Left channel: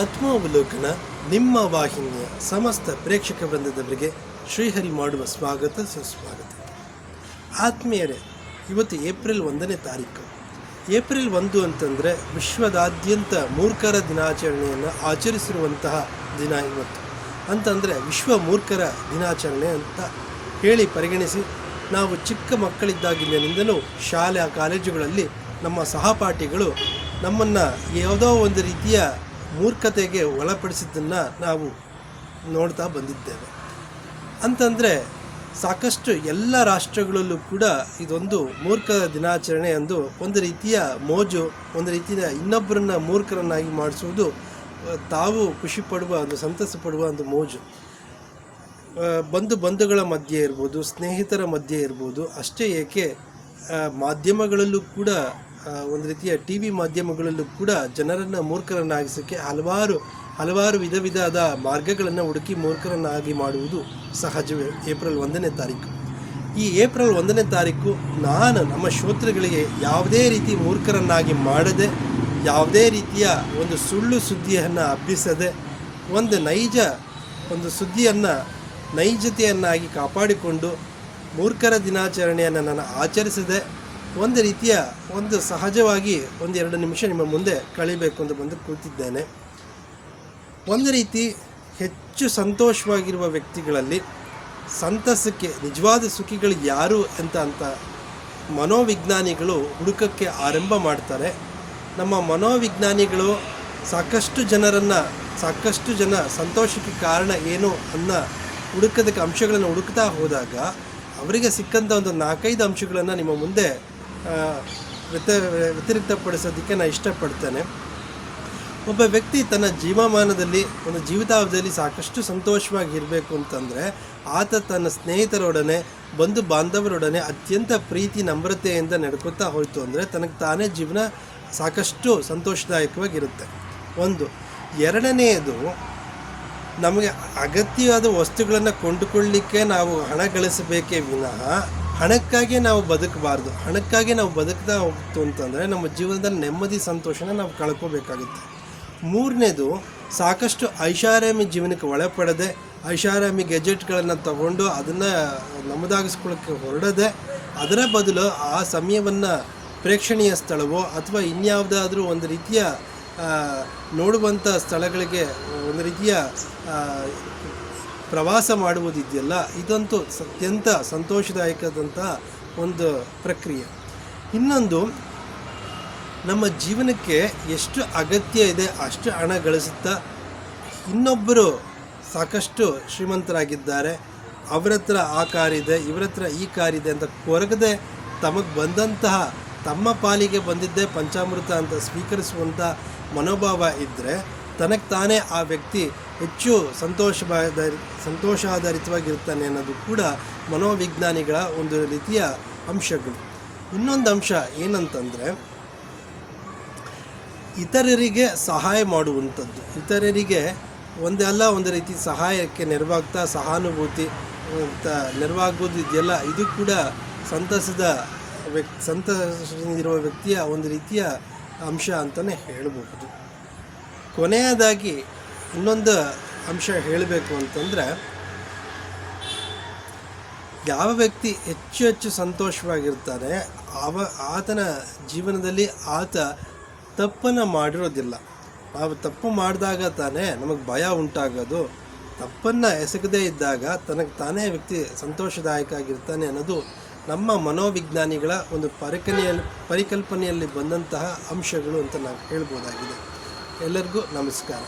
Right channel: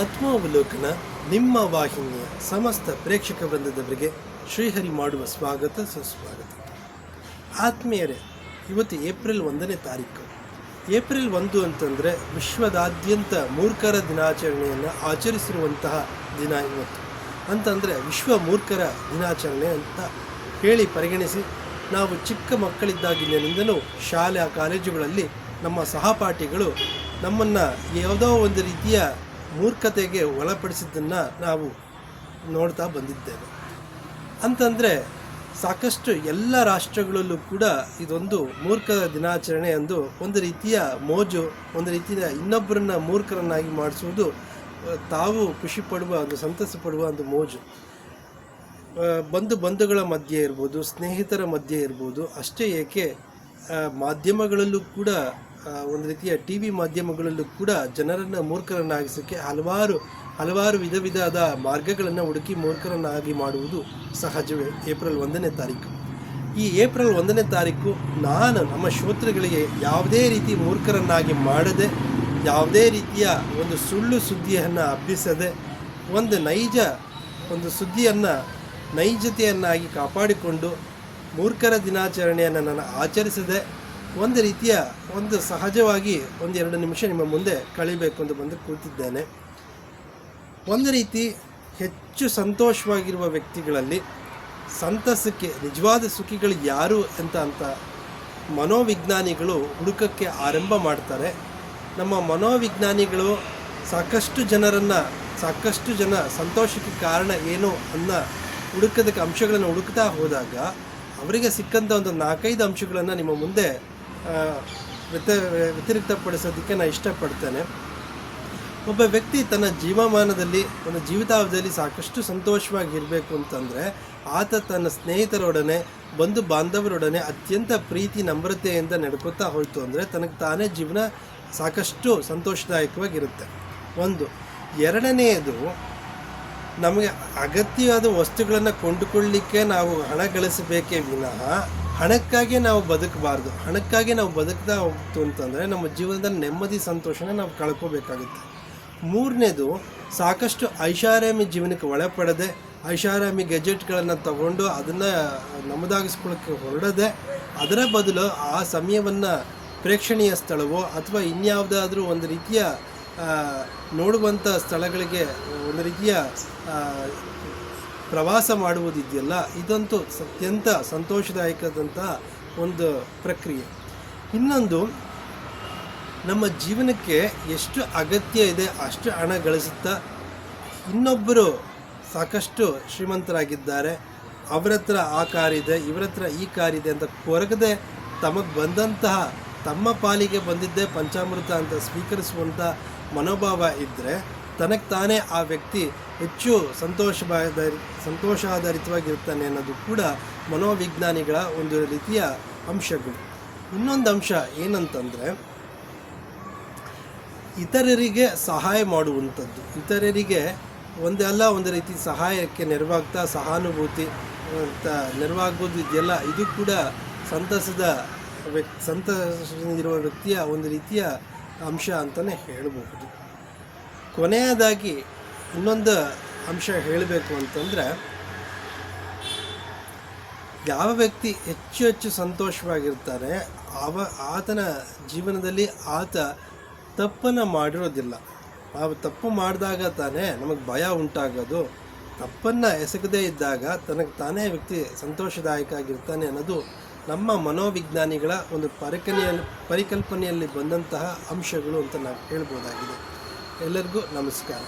ಆತ್ಮಾವಲೋಕನ ನಿಮ್ಮ ವಾಹಿನಿಯ ಸಮಸ್ತ ಪ್ರೇಕ್ಷಕ ವೃಂದದವರಿಗೆ ಶ್ರೀಹರಿ ಮಾಡುವ ಸ್ವಾಗತ ಸುಸ್ವಾಗತ. ಆತ್ಮೀಯರೇ, ಇವತ್ತು ಏಪ್ರಿಲ್ ಒಂದನೇ ತಾರೀಕು. ಏಪ್ರಿಲ್ ಒಂದು ಅಂತಂದರೆ ವಿಶ್ವದಾದ್ಯಂತ ಮೂರ್ಖರ ದಿನಾಚರಣೆಯನ್ನು ಆಚರಿಸಿರುವಂತಹ ದಿನ ಇವತ್ತು. ಅಂತಂದರೆ ವಿಶ್ವ ಮೂರ್ಖರ ದಿನಾಚರಣೆ ಅಂತ ಹೇಳಿ ಪರಿಗಣಿಸಿ, ನಾವು ಚಿಕ್ಕ ಮಕ್ಕಳಿದ್ದಾಗಿನಿಂದಲೂ ಶಾಲಾ ಕಾಲೇಜುಗಳಲ್ಲಿ ನಮ್ಮ ಸಹಪಾಠಿಗಳು ನಮ್ಮನ್ನು ಯಾವುದೋ ಒಂದು ರೀತಿಯ ಮೂರ್ಖತೆಗೆ ಒಳಪಡಿಸಿದ್ದನ್ನು ನಾವು ನೋಡ್ತಾ ಬಂದಿದ್ದೇವೆ. ಅಂತಂದರೆ ಸಾಕಷ್ಟು ಎಲ್ಲ ರಾಷ್ಟ್ರಗಳಲ್ಲೂ ಕೂಡ ಇದೊಂದು ಮೂರ್ಖ ದಿನಾಚರಣೆ ಎಂದು ಒಂದು ರೀತಿಯ ಮೋಜು, ಒಂದು ರೀತಿಯ ಇನ್ನೊಬ್ಬರನ್ನ ಮೂರ್ಖರನ್ನಾಗಿ ಮಾಡಿಸುವುದು ತಾವು ಖುಷಿ ಪಡುವ ಒಂದು, ಸಂತಸ ಪಡುವ ಒಂದು ಮೋಜು. ಬಂಧು ಬಂಧುಗಳ ಮಧ್ಯೆ ಇರ್ಬೋದು, ಸ್ನೇಹಿತರ ಮಧ್ಯೆ ಇರ್ಬೋದು, ಅಷ್ಟೇ ಏಕೆ ಮಾಧ್ಯಮಗಳಲ್ಲೂ ಕೂಡ ಒಂದು ರೀತಿಯ ಟಿ ವಿ ಮಾಧ್ಯಮಗಳಲ್ಲೂ ಕೂಡ ಜನರನ್ನು ಮೂರ್ಖರನ್ನಾಗಿಸೋಕ್ಕೆ ಹಲವಾರು ಹಲವಾರು ವಿಧ ವಿಧದ ಮಾರ್ಗಗಳನ್ನು ಹುಡುಕಿ ಮೂರ್ಖರನ್ನಾಗಿ ಮಾಡುವುದು ಸಹಜವೇ. ಏಪ್ರಿಲ್ ಒಂದನೇ ತಾರೀಕು. ಈ ಏಪ್ರಿಲ್ ಒಂದನೇ ತಾರೀಕು ನಾನು ನಮ್ಮ ಶ್ರೋತೃಗಳಿಗೆ ಯಾವುದೇ ರೀತಿ ಮೂರ್ಖರನ್ನಾಗಿ ಮಾಡದೆ, ಯಾವುದೇ ರೀತಿಯ ಒಂದು ಸುಳ್ಳು ಸುದ್ದಿಯನ್ನು ಹಬ್ಬಿಸದೆ ಒಂದು ನೈಜ ಒಂದು ಸುದ್ದಿಯನ್ನು ನೈಜತೆಯನ್ನಾಗಿ ಕಾಪಾಡಿಕೊಂಡು ಮೂರ್ಖರ ದಿನಾಚರಣೆಯನ್ನು ನಾನು ಆಚರಿಸದೆ ಒಂದು ರೀತಿಯ ಒಂದು ಸಹಜವಾಗಿ ಒಂದು ಎರಡು ನಿಮಿಷ ನಿಮ್ಮ ಮುಂದೆ ಕಳಿಬೇಕು ಅಂತ ಬಂದು ಕೂತಿದ್ದೇನೆ. ಒಂದು ರೀತಿ ಹೆಚ್ಚು ಸಂತೋಷವಾಗಿರುವ ವ್ಯಕ್ತಿಗಳಲ್ಲಿ ಸಂತಸಕ್ಕೆ, ನಿಜವಾದ ಸುಖಿಗಳು ಯಾರು ಅಂತ ಅಂತ ಮನೋವಿಜ್ಞಾನಿಗಳು ಹುಡುಕಕ್ಕೆ ಆರಂಭ ಮಾಡ್ತಾರೆ. ನಮ್ಮ ಮನೋವಿಜ್ಞಾನಿಗಳು ಸಾಕಷ್ಟು ಜನರನ್ನು, ಸಾಕಷ್ಟು ಜನ ಸಂತೋಷಕ್ಕೆ ಕಾರಣ ಏನು ಅನ್ನೋ ಹುಡುಕದಕ್ಕೆ ಅಂಶಗಳನ್ನು ಹುಡುಕ್ತಾ ಹೋದಾಗ, ಅವರಿಗೆ ಸಿಕ್ಕಂಥ ಒಂದು ನಾಲ್ಕೈದು ಅಂಶಗಳನ್ನು ನಿಮ್ಮ ಮುಂದೆ ವ್ಯತ ವ್ಯತಿರಿಕ್ತಪಡಿಸೋದಕ್ಕೆ ನಾನು ಇಷ್ಟಪಡ್ತೇನೆ. ಒಬ್ಬ ವ್ಯಕ್ತಿ ತನ್ನ ಜೀವಮಾನದಲ್ಲಿ, ಒಂದು ಜೀವಿತಾವಧಿಯಲ್ಲಿ ಸಾಕಷ್ಟು ಸಂತೋಷವಾಗಿರಬೇಕು ಅಂತಂದರೆ, ಆತ ತನ್ನ ಸ್ನೇಹಿತರೊಡನೆ, ಬಂಧು ಬಾಂಧವರೊಡನೆ ಅತ್ಯಂತ ಪ್ರೀತಿ, ನಮ್ರತೆಯಿಂದ ನಡ್ಕೋತಾ ಹೋಯಿತು ಅಂದರೆ ತನಗೆ ತಾನೇ ಜೀವನ ಸಾಕಷ್ಟು ಸಂತೋಷದಾಯಕವಾಗಿರುತ್ತೆ. ಒಂದು. ಎರಡನೆಯದು, ನಮಗೆ ಅಗತ್ಯವಾದ ವಸ್ತುಗಳನ್ನು ಕೊಂಡುಕೊಳ್ಳಲಿಕ್ಕೆ ನಾವು ಹಣ ಗಳಿಸಬೇಕೇ ವಿನಃ ಹಣಕ್ಕಾಗಿ ನಾವು ಬದುಕಬಾರ್ದು, ಹಣಕ್ಕಾಗಿ ನಾವು ಬದುಕ್ತಾ ಹೋಗ್ತು ಅಂತಂದರೆ ನಮ್ಮ ಜೀವನದಲ್ಲಿ ನೆಮ್ಮದಿ, ಸಂತೋಷನ ನಾವು ಕಳ್ಕೋಬೇಕಾಗುತ್ತೆ. ಮೂರನೇದು, ಸಾಕಷ್ಟು ಐಷಾರಾಮಿ ಜೀವನಕ್ಕೆ ಒಳಪಡದೆ, ಐಷಾರಾಮಿ ಗೆಜೆಟ್ಗಳನ್ನು ತಗೊಂಡು ಅದನ್ನು ನಮ್ಮದಾಗಿಸ್ಕೊಳ್ಳೋಕ್ಕೆ ಹೊರಡದೆ, ಅದರ ಬದಲು ಆ ಸಮಯವನ್ನು ಪ್ರೇಕ್ಷಣೀಯ ಸ್ಥಳವೋ ಅಥವಾ ಇನ್ಯಾವುದಾದ್ರೂ ಒಂದು ರೀತಿಯ ನೋಡುವಂಥ ಸ್ಥಳಗಳಿಗೆ, ಒಂದು ರೀತಿಯ ಪ್ರವಾಸ ಮಾಡುವುದಿದೆಯಲ್ಲ, ಇದಂತೂ ಅತ್ಯಂತ ಸಂತೋಷದಾಯಕದಂತಹ ಒಂದು ಪ್ರಕ್ರಿಯೆ. ಇನ್ನೊಂದು, ನಮ್ಮ ಜೀವನಕ್ಕೆ ಎಷ್ಟು ಅಗತ್ಯ ಇದೆ, ಅಷ್ಟು ಹಣ ಗಳಿಸುತ್ತಾ ಇನ್ನೊಬ್ಬರು ಸಾಕಷ್ಟು ಶ್ರೀಮಂತರಾಗಿದ್ದಾರೆ. ಅವರ ಹತ್ರ ಆ ಕಾರಿದೆ ಇವರ ಹತ್ರ ಈ ಕಾರಿದೆ ಅಂತ ಕೊರಗದೆ ತಮಗೆ ಬಂದಂತಹ, ತಮ್ಮ ಪಾಲಿಗೆ ಬಂದಿದ್ದೇ ಪಂಚಾಮೃತ ಅಂತ ಸ್ವೀಕರಿಸುವಂಥ ಮನೋಭಾವ ಇದ್ದರೆ ತನಗೆ ತಾನೇ ಆ ವ್ಯಕ್ತಿ ಹೆಚ್ಚು ಸಂತೋಷ ಸಂತೋಷಾಧಾರಿತವಾಗಿರ್ತಾನೆ ಅನ್ನೋದು ಕೂಡ ಮನೋವಿಜ್ಞಾನಿಗಳ ಒಂದು ರೀತಿಯ ಅಂಶಗಳು. ಇನ್ನೊಂದು ಅಂಶ ಏನಂತಂದರೆ, ಇತರರಿಗೆ ಸಹಾಯ ಮಾಡುವಂಥದ್ದು. ಇತರರಿಗೆ ಒಂದಲ್ಲ ಒಂದು ರೀತಿ ಸಹಾಯಕ್ಕೆ ನೆರವಾಗ್ತಾ, ಸಹಾನುಭೂತಿ ಅಂತ ನೆರವಾಗೋದು ಇದೆಯಲ್ಲ, ಇದು ಕೂಡ ಸಂತಸದ ವ್ಯಕ್ತಿ ಸಂತಸದಿಂದಿರುವ ವ್ಯಕ್ತಿಯ ಒಂದು ರೀತಿಯ ಅಂಶ ಅಂತಲೇ ಹೇಳಬಹುದು. ಕೊನೆಯದಾಗಿ ಇನ್ನೊಂದು ಅಂಶ ಹೇಳಬೇಕು ಅಂತಂದರೆ, ಯಾವ ವ್ಯಕ್ತಿ ಹೆಚ್ಚು ಹೆಚ್ಚು ಸಂತೋಷವಾಗಿರ್ತಾರೆ ಅವ ಆತನ ಜೀವನದಲ್ಲಿ ಆತ ತಪ್ಪನ್ನು ಮಾಡಿರೋದಿಲ್ಲ. ನಾವು ತಪ್ಪು ಮಾಡಿದಾಗ ತಾನೇ ನಮಗೆ ಭಯ ಉಂಟಾಗೋದು. ತಪ್ಪನ್ನು ಎಸಗದೇ ಇದ್ದಾಗ ತನಗೆ ತಾನೇ ವ್ಯಕ್ತಿ ಸಂತೋಷದಾಯಕ ಆಗಿರ್ತಾನೆ ಅನ್ನೋದು ನಮ್ಮ ಮನೋವಿಜ್ಞಾನಿಗಳ ಒಂದು ಪರಿಕಲ್ಪನೆಯಲ್ಲಿ ಪರಿಕಲ್ಪನೆಯಲ್ಲಿ ಬಂದಂತಹ ಅಂಶಗಳು ಅಂತ ನಾವು ಹೇಳ್ಬೋದಾಗಿದೆ. ಎಲ್ಲರಿಗೂ ನಮಸ್ಕಾರ.